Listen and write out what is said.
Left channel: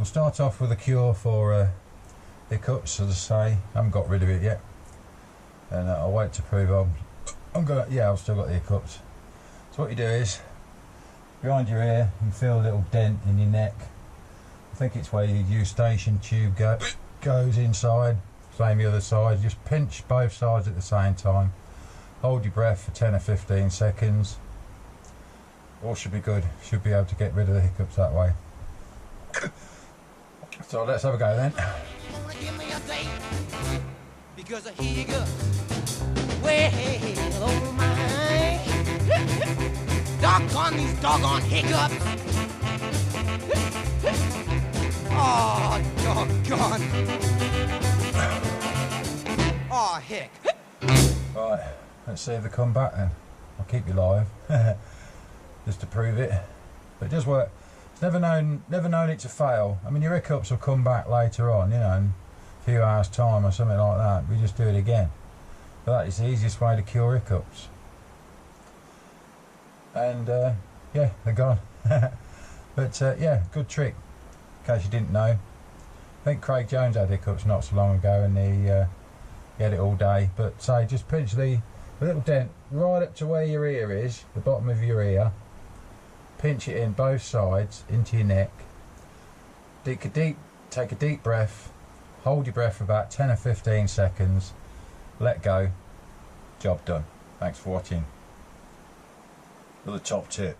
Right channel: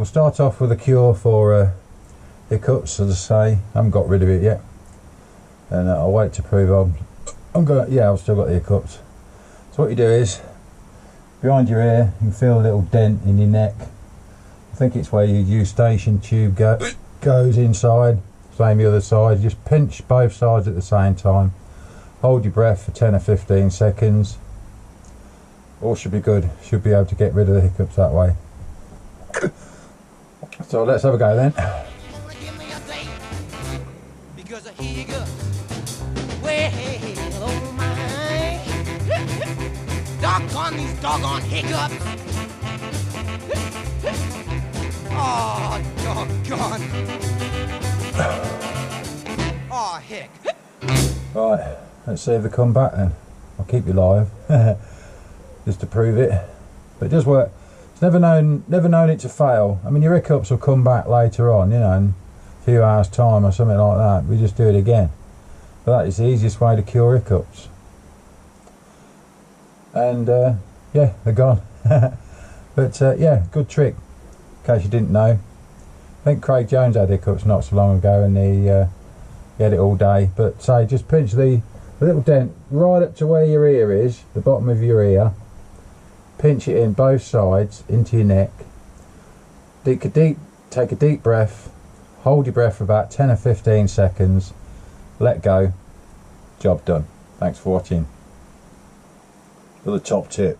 we'll start off with a cure for hiccups, as I say. I haven't got rid of it yet, and I'll wait to prove I've still got the hiccups. So what you do is, behind your ear, you feel a little dent in your neck. I think it's where your eustachian tube goes inside. Same the other side. Just pinch both sides at the same time. Hold your breath for 10 or 15 seconds. All should be good. Should be able to get rid of the hiccups that way. So let's have a go then. Because I hear you go. Well, oh my. Doggone these doggone hiccups. Oh, doggone. Oh, heck. Right, let's see if they come back then. I'll keep you live. Just to prove it. But it does work. It's never known it to fail. I mean, your hiccups will come back later on, you know, in a few hours time or something like that. We just do it again. But that is the easiest way to cure hiccups. And yeah, they're gone. But yeah, good trick, in case you didn't know. I think Craig Jones had hiccups not so long ago, and he had it all day. But say, just pinch the little dent right up to where your ear is, the bottom of your ear. Pinch it in both sides into your neck. Take a deep breath. Hold your breath for about 10 or 15 seconds. Let go. Job done. Thanks for watching. Another top tip.